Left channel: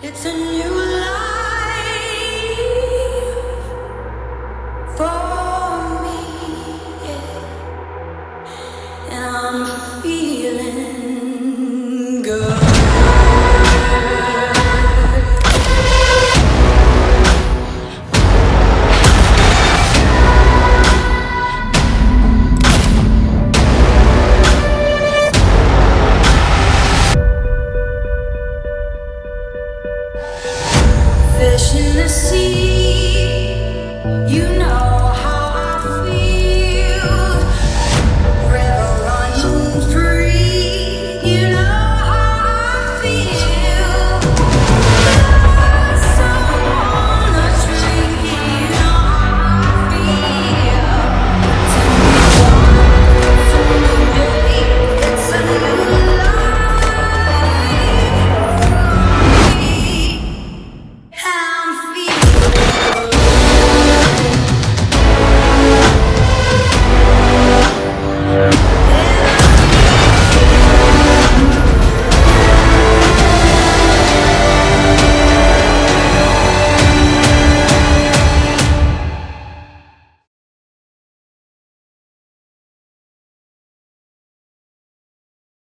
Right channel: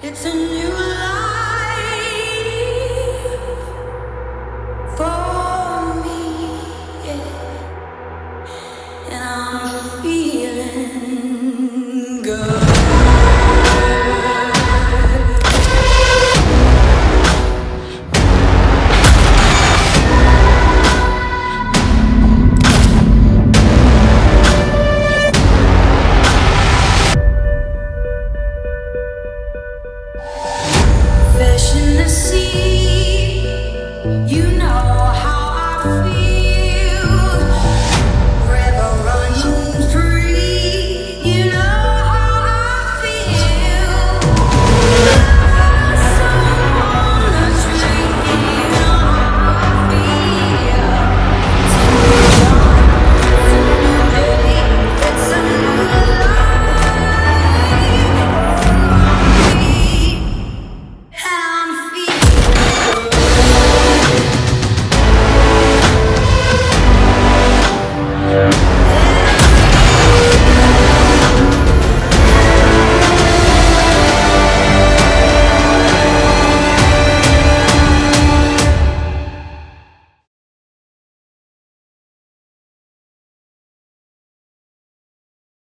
It's a new life for me, yeah. And I'm feeling good. Fish in the sea, you